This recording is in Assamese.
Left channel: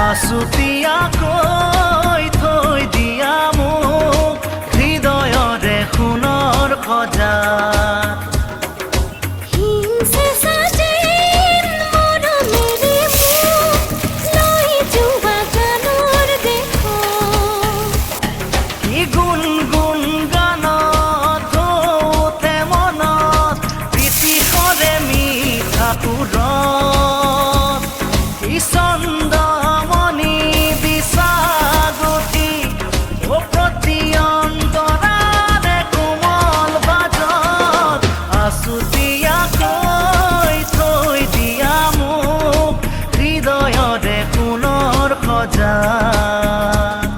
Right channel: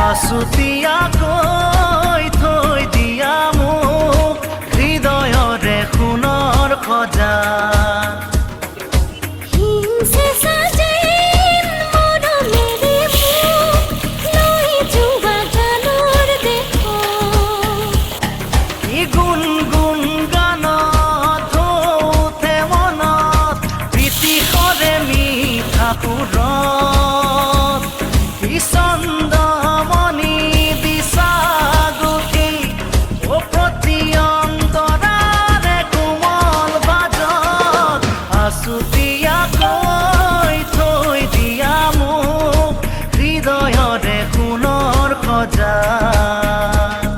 আছুতীয়াকৈ থৈ দিয়া মোক হৃদয়ৰে সোণৰ খজাত কি গুণগুণ গানত ধৌতে মনত প্ৰীতিশৰে মিঠা সুৰত কি চন্দমণি দিছা গুঠি ও প্ৰতি অন্তৰাৰে কোমল বাজত আছুতীয়াকৈ থৈ দিয়া মোক হৃদয়ৰে সোণৰ খজাত